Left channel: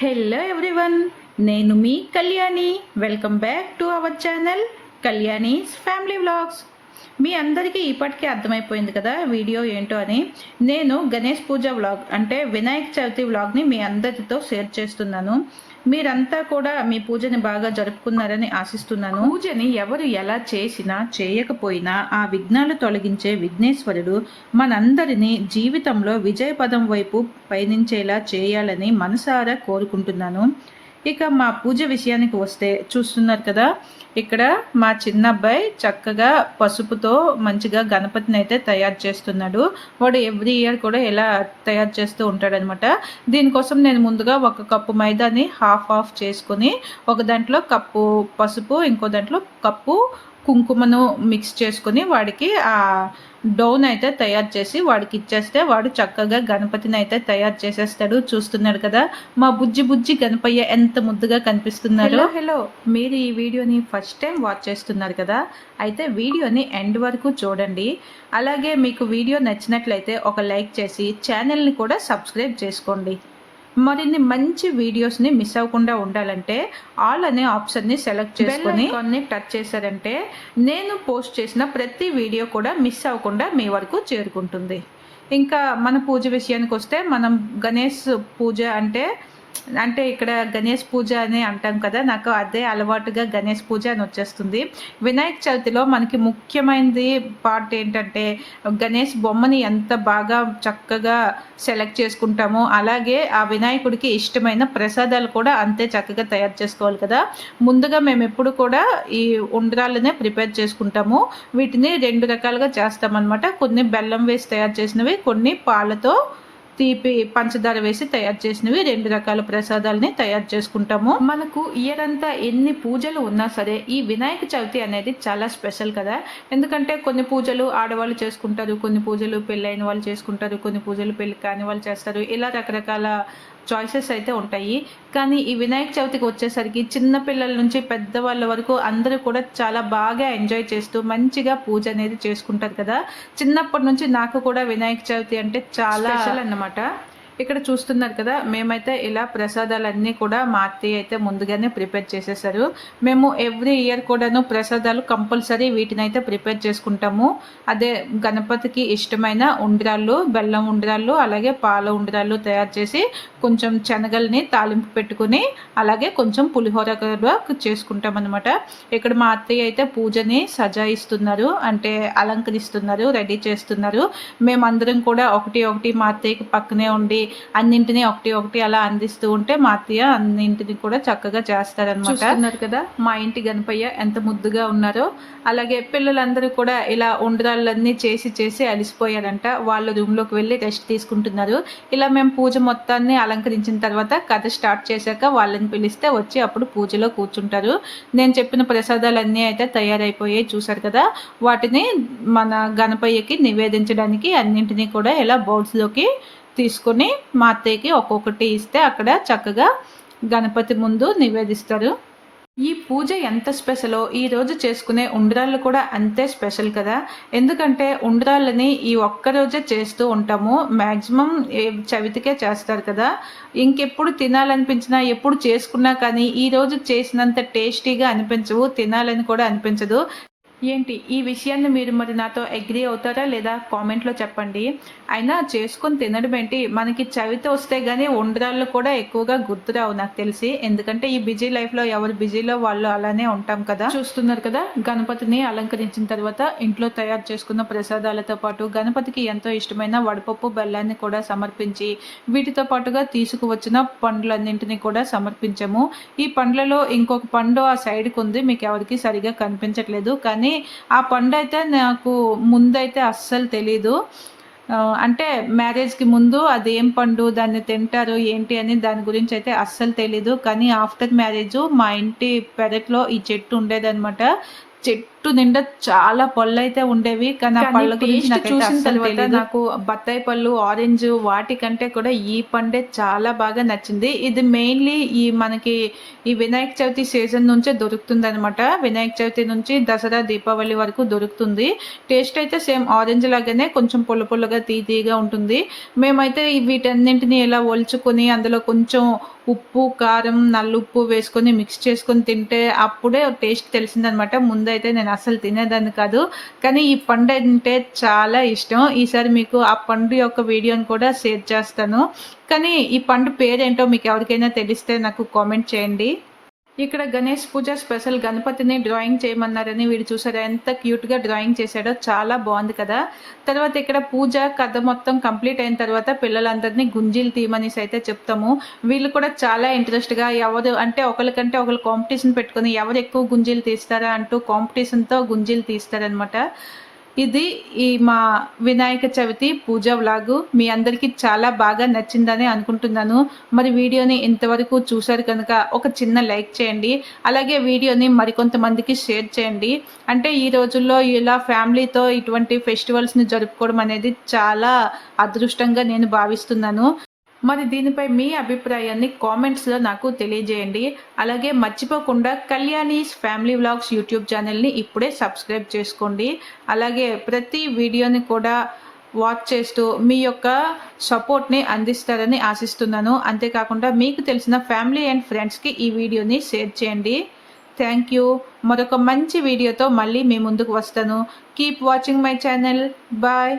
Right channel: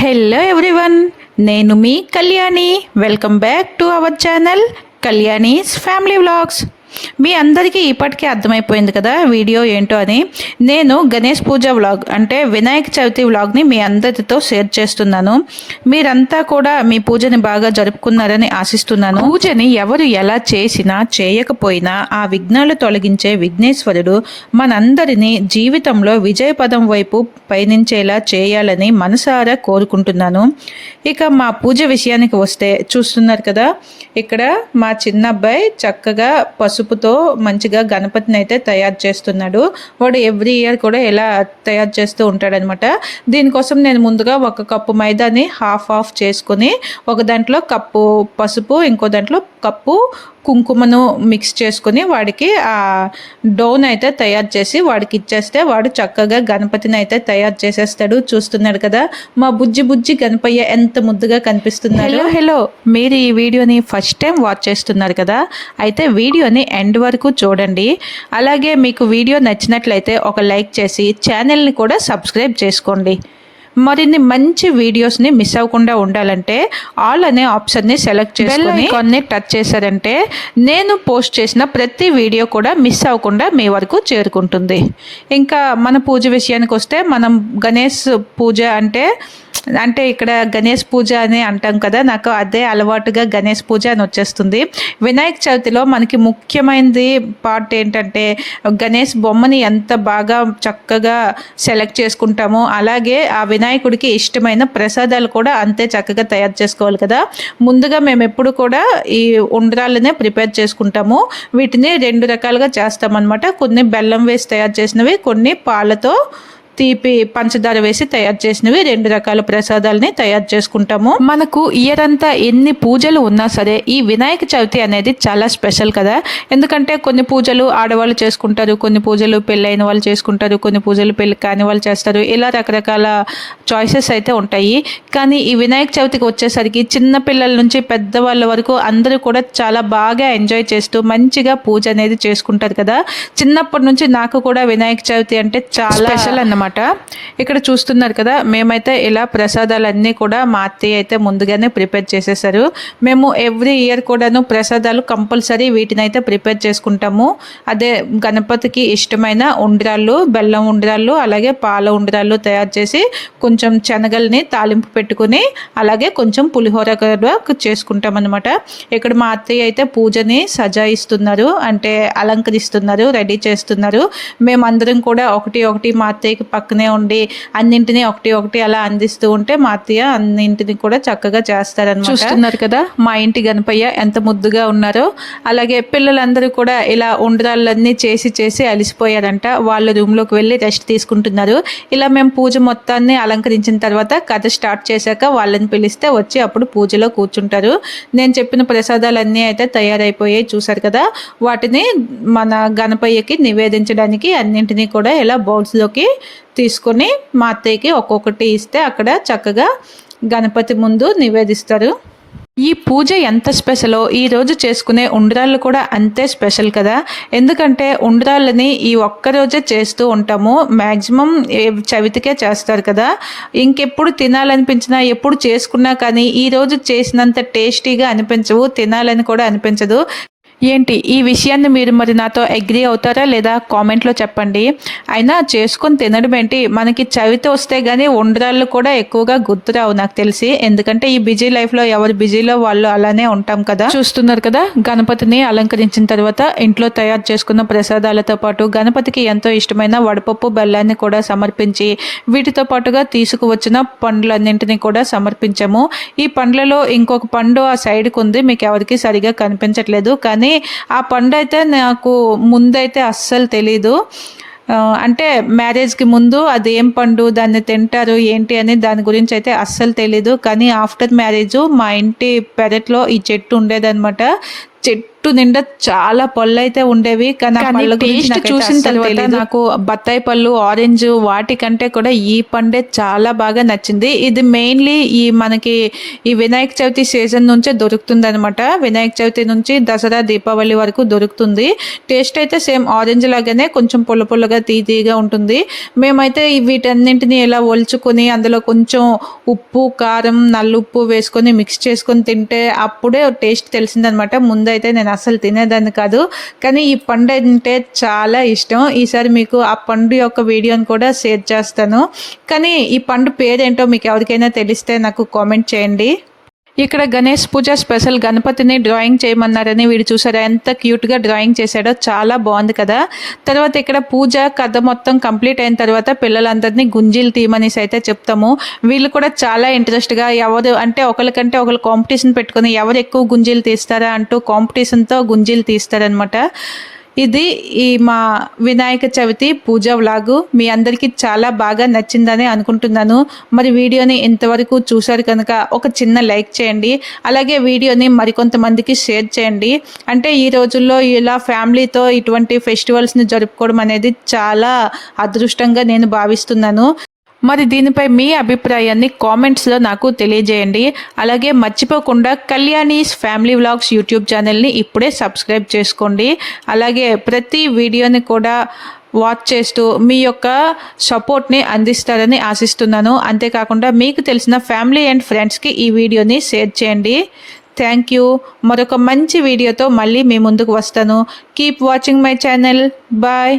Hello everyone నేను మీ Kalyani. Welcome back to our channel Kalyani's family vlogs మీ అందరికీ ఇప్పటికే అర్థమైపోయింది కదా వీడియో ఏంటో అని. నేను గణేష్ పూజ వ్లాగ్ అంటే వినాయక చవితి వ్లాగ్ని మీ అందరితో షేర్ చేస్తున్నాను. మీరంతా కూడా మీ పూజని బాగా జరుపుకున్నారని ఆశిస్తున్నాను. పూజని ఎవరు ఎలా చేసినా చేయకపోయినా ఆ విఘ్నాలు తొలగించే విఘ్నేశ్వరుడు మనందరినీ జీవితంలో విజయపదం వైపు పయనించేలా చేయాలని మనసారా కోరుకుంటున్నాను. ఇక మా పూజ విషయానికి వస్తే చూస్తున్నారు కదా ఇక్కడ మా చిన్న అబ్బాయి చక్కగా పసుపుతో మంచిగా గణపతిని అయితే తయారు చేస్తున్నాడు. వాడు ఎవ్రీ ఇయర్ కూడా ఎలా తయారు చేస్తూ ఉంటాడనమాట. దీనికోసం నేను ముందుగా ఒక కప్పు మైదాని హాఫ్ ఆఫ్ చేసుకొని ఒక దాంట్లో కప్పు పసుపు ఇంకో దాంట్లో కప్పు కుంకుమను మిక్స్ చేసుకొని వాడికి ఆ డోన్ అయితే తయారు చేసి వాడికి ఇచ్చేస్తే వాడు చక్కగా గణపతిని అయితే తయారు చేసేస్తాడు. చూస్తున్నాడు కదా మా బుజ్జి బుజ్జి గణపయ్య ఎంత ముద్దుగా కనిపిస్తున్నారు హలో మీరు ఈ వీడియోని ఫస్ట్ టైం వాచ్ చేస్తున్నారు కదా? అయితే వీడియోని ఎండ్ వరకు చూడండి. అలాగే మీకు వీడియో నచ్చినట్లయితే ఒక లైక్ చేసి ఛానల్ని కూడా సబ్స్క్రైబ్ చేసుకోండి. మరిన్ని మంచి వీడియోస్ని మిస్ అవ్వకుండా ఉండాలంటే ఆల్ అనే ఆప్షన్ని సెలెక్ట్ చేసుకొని కొన్ని టచ్ చేశారంటే నేను పోస్ట్ చేసిన ప్రతి వీడియో కూడా మిస్ అవ్వకుండా మీ వరకు చేరుకుంటుంది. ఇంకా మన పూజ విషయానికి వస్తే మనం గణేష్ పూజ అంటే అంటే ఇక్కడ గణేష్ పూజ అని అంటాం కదా నాకు అదే అలవాటుగా గణేష్ పూజ అని వచ్చేస్తుంది. వినాయక చవితిలో మనకి ముఖ్యమైనది పార్ట్ ఏంటంటే గణేష్ బొమ్మని ఎంత బాగా చక్కగా సెలెక్ట్ చేసుకుంటామో అలాగే ఆ వినాయకుడికి ఇష్టమైన ప్రసాదాలు కూడా అంతే చక్కగా తయారు చేసుకోవాలి కదా. ముందుగా మేము ఎప్పుడు కూడా ఈ ఉండ్రాలనే ప్రిపేర్ చేసుకుంటాము. వీటిని రెండు రకాలుగా చేస్తామన్నమాట. కొన్ని బెల్లం వేసి తయారు చేసినవి కొన్ని పాలతో తీపి పంచదార వేసి తయారు చేసినవి రెండు రకాల ప్రసాదాలని తయారు చేసుకుంటాము. మనకు ఇయర్ అంతా ఎన్ని పూజలు ఉన్నా సరే ఈ వినాయక చవితి అనేది చాలా స్పెషల్ కదా. ఎందుకంటే కొన్ని పూజలు ఆడవాళ్ళు చేసుకుంటారు కొన్ని పూజలు పెళ్ళైన వాళ్ళు చేసుకుంటారు కొన్ని పూజలు పెళ్ళి కాని వాళ్ళు చేస్తారు. ఇలా రకరకాల చాయిసెస్ అయితే ఉంటాయి. కానీ ఈ వినాయక చవితికి వచ్చేసరికి చిన్న పిల్లల నుంచి పెద్దవాళ్ళ వరకు అందరూ కూడా చాలా బాగా ఎంజాయ్ చేస్తూ మంచిగా పూజ అనేది చేసుకుంటారు కదా. చిన్నప్పటి నుంచి నాకు కూడా వినాయక చవితి అంటే చాలా స్పెషల్ అన్నమాట. ఇక్కడ చూస్తున్నారు కదా మేమైతే ఇలా ప్రసాదాలన్నీ కూడా మా అత్తయ్య అయితే ముందుగానే ప్రిపేర్ చేసేసారు. మేము ఎవ్రీ ఇయర్ కూడాను ప్రసాదాలు కంపల్సరీ వీటిని అయితే ప్రిపేర్ చేసుకుంటాము. అదే గణపతికి ఇష్టమైన ఉండ్రాళ్ళు బెల్లం ఉండ్రాళ్ళు అలాగే పాల ఉండ్రాళ్ళు తయారు చేసి కొంచెం శనగల్ని తాలింపు పెట్టుకుని అలాగే కొంచెం పులిహోర చేసుకుంటాం అనమాట ఇక్కడ మా అత్తయ్య అయితే పూజని సజాయిస్తున్నారు అంటే అలంకరిస్తున్నారు రెడీ చేస్తున్నారు. మేమందరం కూడా ఒకటి ఒకటి మా అత్తయ్యకి పక్కనే ఉండి అన్నింటినీ ఒకటి ఒకటి అలా అందిస్తూ ఉంటే మా అత్తయ్య అన్నింటిని కూడా చక్కగా చేస్తారనమాట చూస్తున్నారు కదా మా ఇంటి గణపయ్య ఎంత ముద్దుగా ఉన్నారో అలాగే పిల్లలందరూ కూడా ఇలా ఉండ్రాళ్ళన్నీ చేసి చేసి అలిసిపోయారంట. వాళ్ళ రూమ్లోకి వెళ్ళి రెస్ట్ తీసుకుంటున్నారు. ఇలా మేము పూజ మొత్తాన్ని అలంకరించిన తర్వాత కథ స్టార్ట్ చేశాక వాళ్ళని పిలిస్తే వచ్చి అప్పుడు పూజలో కూర్చుంటారు. నేను చెప్పిన ప్రసాదాలన్నీ అయితే తయారైపోయాయి చూసారు కదా. వాటిని మన గణపయ్యకి నివేదించడానికి అన్నింటినీ కూడా ఇలా బౌల్స్లోకి తీసుకొని మా అత్తయ్యకి ఒక్కొక్కటి ఇస్తే అక్కడ చక్కగా గణపతి ముందు నివేదిస్తారు. ఈ పూజ ఎంత స్పెషలో? ఈరోజు చేసుకునే ఉండ్రాళ్ళు కూడా అంతే స్పెషల్ కదా? ఎందుకంటే ఉండ్రాళ్ళని ఈ ఒక్కరోజే చేస్తూ ఉంటాము. మ్యాక్సిమం చవితికే చేస్తారు కదా? ఇంకెప్పుడు తినాలనిపించినా ఎప్పుడు చేసుకున్నా కానీ ఈరోజు చేసినంత టేస్టీగా అనిపించవు తినాలని కూడా అనిపించదు. ఏంటి? ఈ విషయాన్ని మీరు మరి నాతో అగ్రి అవుతారా లేదా కామెంట్లో చెప్పండి. అయినా చేసుకొని తినడం ఏంటి? మనకి చవితి వస్తే కానీ ఉండరాళ్ళు కూడా ఎక్కువగా గుర్తురావు నాకు తెలిసి. ఎందుకంటే ఈ బిజీ లైఫ్లో ఎవరు బిజీలో వాళ్ళు అలానే ఉంటాం కదా. చూస్తున్నారు కదా? గణపతిని అలంకరించిన తర్వాత ఇంట్లో తయారు చేసుకున్న ప్రసాదాలతో పాటు గణపతికి ఎంతో ఇష్టమైన వడపప్పు బెల్లాన్ని కూడా సమర్పించి వీటితో పాటుగా తీసుకువచ్చిన పండ్లన్నింటినీ కూడా సమర్పించాము. ఈ పండ్లలో ఇంకొక పండు ఆ సైడ్కి ఉంది. మీకు ఎవరికి సరిగా కనిపించట్లేదు. కానీ ఆ పండు అయితే నాకు ముందైతే అస్సలు తెలీదు. అంటే మ్యారేజ్కి ముందు అది ఏం పండు దాన్ని తింటారు ఏంటి అని దాని గురించి అయితే అస్సలు తెలీదు. కానీ ఆఫ్టర్ మ్యారేజ్ మా ఇంటి పెరట్లో ఈ చెట్టు ఉండేదన్నమాట. చెట్టు నిండా చాలా పళ్ళు అయితే ఉండేవి కానీ పళ్ళ గురించి చూసిన తర్వాత నాకు బత్తాయి పళ్ళు ఆరెంజ్ వాటికంటే కూడా ఈ పండే చాలా బాగా నచ్చింది. ఇది మెయిన్లీ ఈ మనకి ఈ వినాయక చవితి సీజన్ నుంచే దొరుకుతుంది అనమాట వినాయక చవితి నుంచి దసరా దీపావళి వరకు దొరుకుతుంది. టేస్ట్ అయితే సేమ్ ఆరెంజ్ లాగానే కొంచెం పుల్ల పుల్లగా తీతీగా ఉంటుంది. మేమైతే వీటన్నింటిని ఇలా ఒలుచుకొని అందులో కొంచెం ఉప్పు కారం నల్లుప్పు వేసుకొని మిక్స్ చేసుకొని తింటే అప్పుడే టేస్ట్ తెలిసిందనమాట అయితే నేను అసలు తినేదాన్ని కాదు. కానీ ఈ పండు అంటే చాలా ఇష్టం. ఈసారి మీకు ఆ పండు యొక్క వీడియోని కూడా షేర్ చేస్తాను. కానీ ఈ పండు పేరేంటో మీకు ఎవరికైనా తెలిస్తే నాకు కామెంట్ చేయండి. ఇక్కడ గణేష్ పూజ స్పెషల్ గణపతిని డ్రాయింగ్ చేయమన్నారని వీడు చూసారా? ఎంత క్యూట్గా డ్రాయింగ్ చేశాడో చాలా బాగుంది కదా. తర్వాత ఇక్కడ పూజ కథ మొత్తం కంప్లీట్ అయిన తర్వాత పిల్లలందరినీ గుంజీలు తీయమనేసి అయితే చెప్తాము. వీళ్ళు కూడా చాలా ఇంట్రెస్ట్గా ఎవరు అంటే ఒకరికంటే ఒకరు కాంపిటీషన్ పెట్టుకొని ఎవరు ఎక్కువ గుంజీలు తీస్తారా అంటూ కాంపిటీషన్తో గుంజీలు తీస్తారనమాట ఇది ఈ మా వినాయక చవితి పూజ వ్లాగు. మీ అందరికీ చాలా బాగా నచ్చిందని అనుకుంటున్నాను. మరి వీడియోని ఇంతవరకు చూశారు కనుక ఒక చిన్న లైక్ చేయండి. అలాగే వీడియోని మరికొంతమందికి షేర్ చేయండి. అంటే ఈ రోజుల్లో ఇలా ఫ్యామిలీతో ఇటువంటి ఫెస్టివల్స్ని జరుపుకోవడం అనేది చాలా అదృష్టంగా నేను భావిస్తున్నాను. మరి దీనిపై మీ అభిప్రాయాన్ని కామెంట్స్లో నాకు తెలియజేయండి. అలాగే మర్చిపోకుండా కళ్యాణీస్ ఫ్యామిలీ వ్లాగ్స్ యూట్యూబ్ ఛానల్ని ఇప్పుడే సబ్స్క్రైబ్ చేసుకోండి. అలాగే ప్రతి వీడియోని కూడా వాచ్ చేస్తూ మీ యొక్క సపోర్ట్ని అందిస్తారని ఆశిస్తున్నాను. అంతేకాకుండా మీకు తెలిసిన ఫ్యామిలీ అండ్ ఫ్రెండ్స్కి ఈ వీడియోని షేర్ చేయండి. Thank you. మరొక మంచి వీడియోతో మళ్ళీ మీ ముందుకు వస్తాను. Keep watching my channel. Bye.